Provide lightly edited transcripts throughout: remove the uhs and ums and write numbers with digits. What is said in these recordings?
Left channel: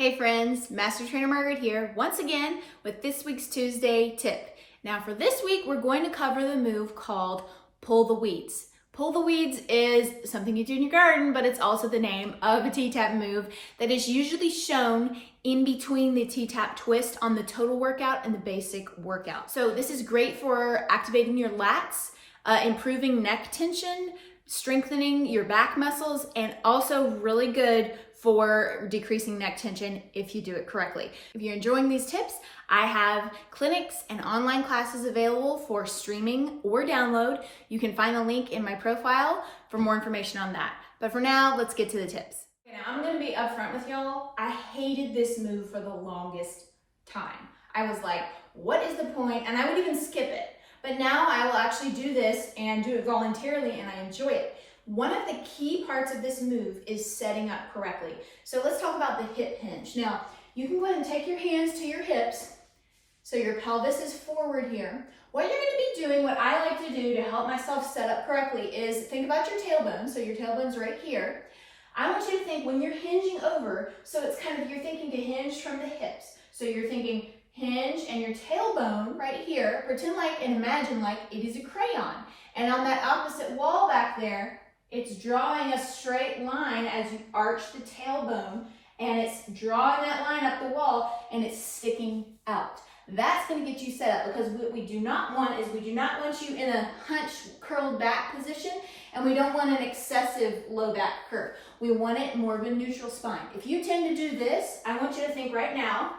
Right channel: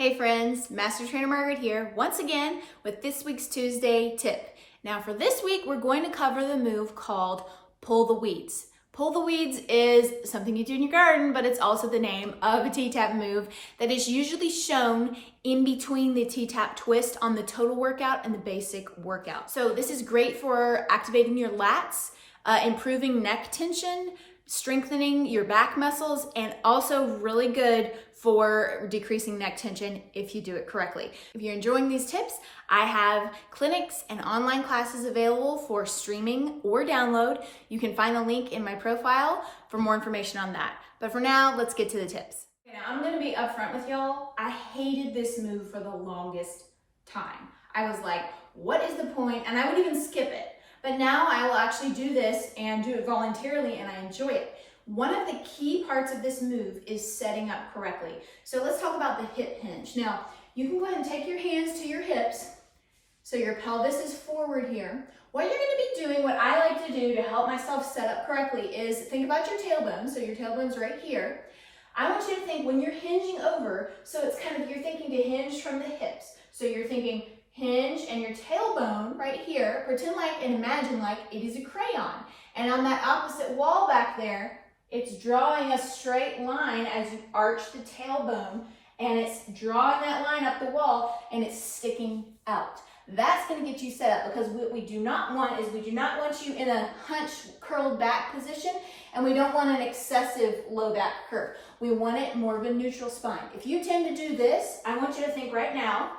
Hey friends, Master Trainer Margaret here, once again with this week's Tuesday tip. Now for this week, we're going to cover the move called pull the weeds. Pull the weeds is something you do in your garden, but it's also the name of a T-Tapp move that is usually shown in between the T-Tapp twist on the total workout and the basic workout. So this is great for activating your lats, improving neck tension, strengthening your back muscles, and also really good for decreasing neck tension if you do it correctly. If you're enjoying these tips, I have clinics and online classes available for streaming or download. You can find the link in my profile for more information on that. But for now, let's get to the tips. Okay, now I'm gonna be upfront with y'all. I hated this move for the longest time. I was like, what is the point? And I would even skip it. But now I will actually do this and do it voluntarily, and I enjoy it. One of the key parts of this move is setting up correctly. So let's talk about the hip hinge. Now, you can go ahead and take your hands to your hips, so your pelvis is forward here. What you're gonna be doing, what I like to do to help myself set up correctly is think about your tailbone. So your tailbone's right here. I want you to think when you're hinging over, so it's kind of, you're thinking to hinge from the hips. So you're thinking hinge and your tailbone right here, pretend like and imagine like it is a crayon. And on that opposite wall back there, it's drawing a straight line as you arch the tailbone, and it's drawing that line up the wall and it's sticking out. That's going to get you set up, because what we do not want is we do not want you in a hunched curled back position, and we don't want an excessive low back curve. We want it more of a neutral spine. If you tend to do this, I want you to think right now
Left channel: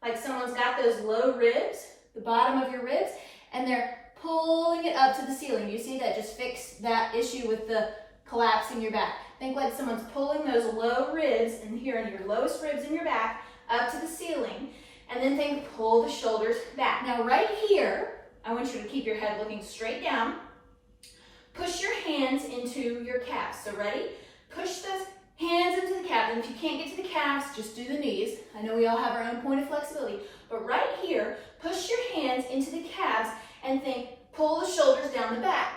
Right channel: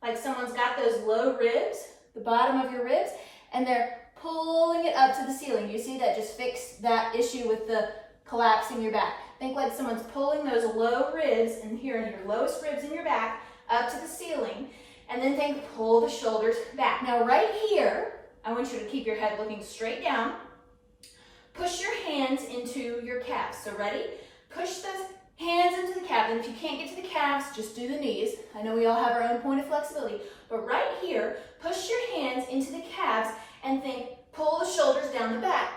like someone's got those low ribs, the bottom of your ribs, and they're pulling it up to the ceiling. You see that just fixed that issue with the collapsing your back. Think like someone's pulling those low ribs in here, in your lowest ribs in your back, up to the ceiling. And then think pull the shoulders back. Now right here, I want you to keep your head looking straight down. Push your hands into your calves. So ready? Push those hands into the calves, and if you can't get to the calves, just do the knees. I know we all have our own point of flexibility, but right here, push your hands into the calves and think, pull the shoulders down the back.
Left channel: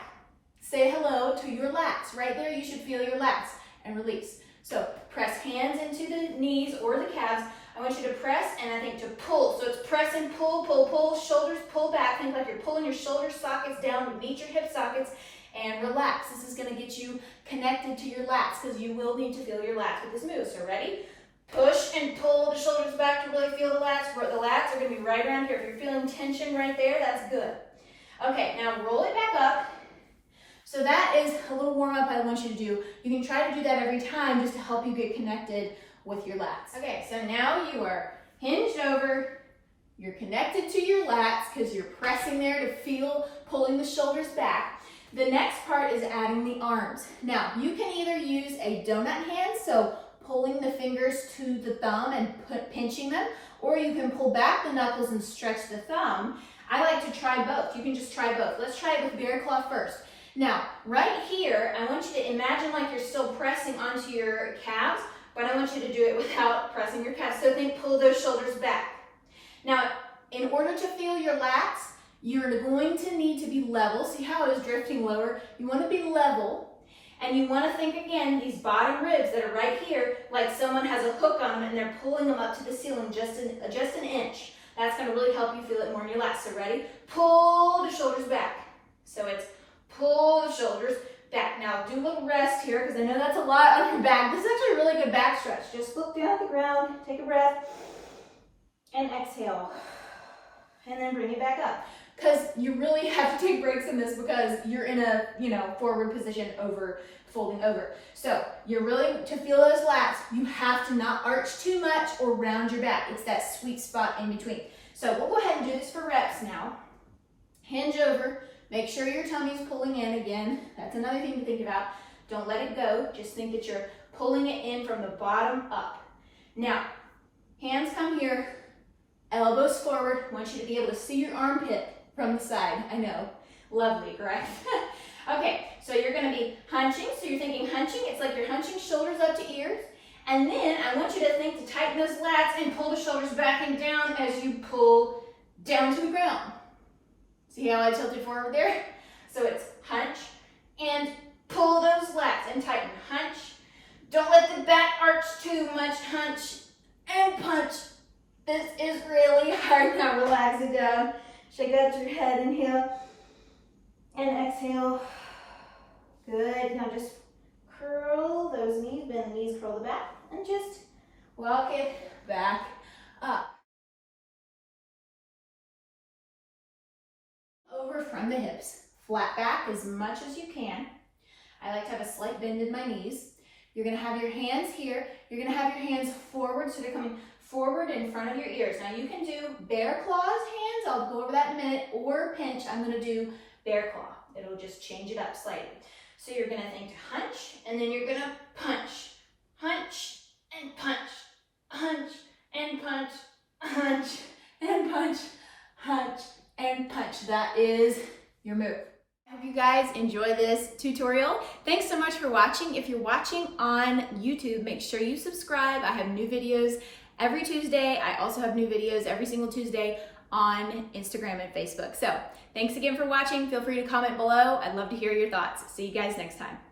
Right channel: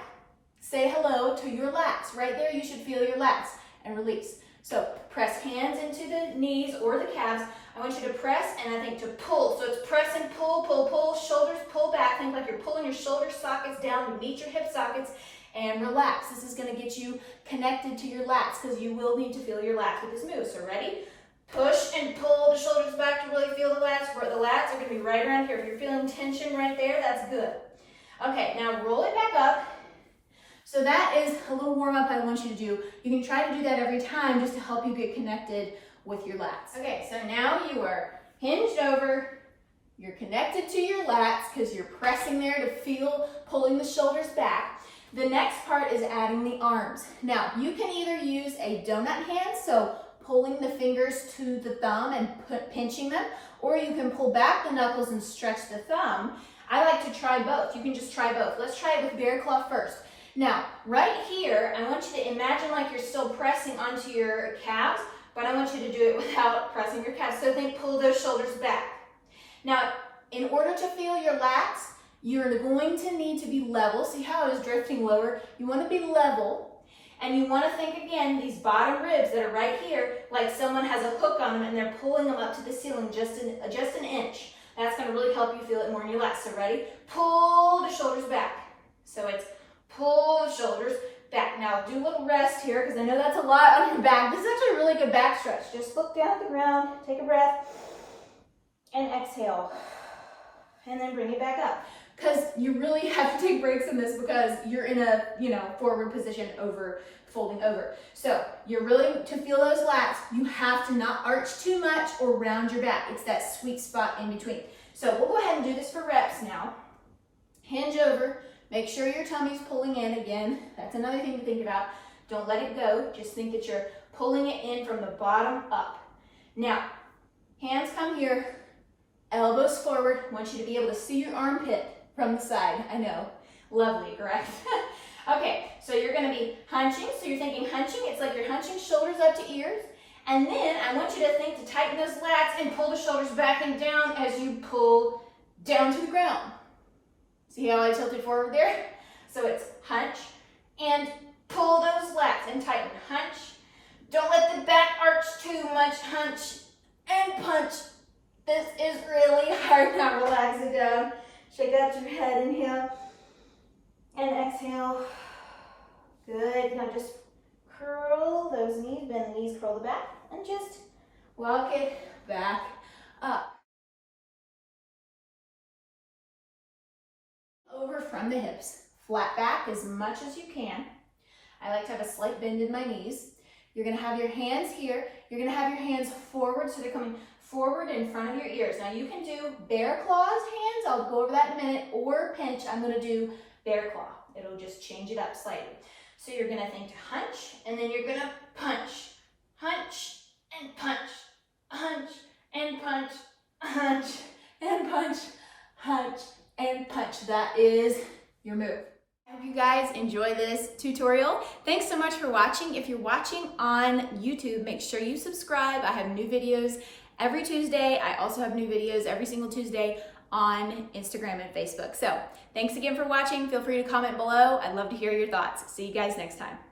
Say hello to your lats. Right there, you should feel your lats, and release. So press hands into the knees or the calves. I want you to press, and I think to pull. So it's press and pull, pull, pull, shoulders pull back. Think like you're pulling your shoulder sockets down to meet your hip sockets, and relax. This is going to get you connected to your lats, because you will need to feel your lats with this move. So ready? Push and pull the shoulders back to really feel the lats. The lats are going to be right around here. If you're feeling tension right there, that's good. Okay, now roll it back up. So that is a little warm up I want you to do. You can try to do that every time just to help you get connected with your lats. Okay, so now you are hinged over. You're connected to your lats because you're pressing there to feel pulling the shoulders back. The next part is adding the arms. Now, you can either use a donut hand, so pulling the fingers to the thumb and pinching them, or you can pull back the knuckles and stretch the thumb. I like to try both. You can just try both. Let's try it with bear claw first. Now, right here, I want you to imagine like you're still pressing onto your calves, but I want you to do it without pressing your calves. So think pull those shoulders back. Now, in order to feel your lats, you're going to need to be level. See how I was drifting lower? You want to be level, and you want to think again, these bottom ribs that are right here, like someone has a hook on them and they're pulling them up to the ceiling just an inch. That's going to really help you feel it more in your lats. So ready? Pull the shoulders back. So it's pull the shoulders back. Now do a little rest here, because I know that's a lot on your back. This is actually a really good back stretch. Just look down at the ground, take a breath, and exhale. And then bring it back up. Because you really have to take breaks in this, because you're in a, forward position folding over. So you're really, to feel those lats, you have to not arch too much or round your back. It's that sweet spot in between. So we'll go ahead and do this for reps now. Hinge over, make sure your tummy's pulling in again. That's another thing to think about. Don't let it go. Just think that you're pulling it in from the bottom up. Now, hands come here, elbows forward. I want you to be able to see your armpit from the side. I know, lovely, correct? Okay, so you're gonna be hunching. So you're thinking hunching, it's like you're hunching shoulders up to ears. And then I want you to think to tighten those lats and pull the shoulders back and down as you pull down to the ground. See how I tilted forward there? So it's hunch and pull those lats and tighten. Hunch. Don't let the back arch too much. Hunch and punch. This is really hard. Now relax it down. Shake out your head, inhale and exhale. Good. Now just curl those knees, bend the knees, curl the back, and just walk it back up. Over from the hips. Flat back as much as you can. I like to have a slight bend in my knees. You're gonna have your hands here. You're gonna have your hands forward, so they're coming forward in front of your ears. Now you can do bear claws hands, I'll go over that in a minute, or pinch. I'm gonna do bear claw. It'll just change it up slightly. So you're gonna think to hunch, and then you're gonna punch. Hunch and punch. Hunch and punch. Hunch and punch. Hunch and punch. That is your move. I hope you guys enjoy this tutorial. Thanks so much for watching. If you're watching on YouTube, make sure you subscribe. I have new videos every Tuesday. I also have new videos every single Tuesday on Instagram and Facebook. So thanks again for watching. Feel free to comment below. I'd love to hear your thoughts. See you guys next time.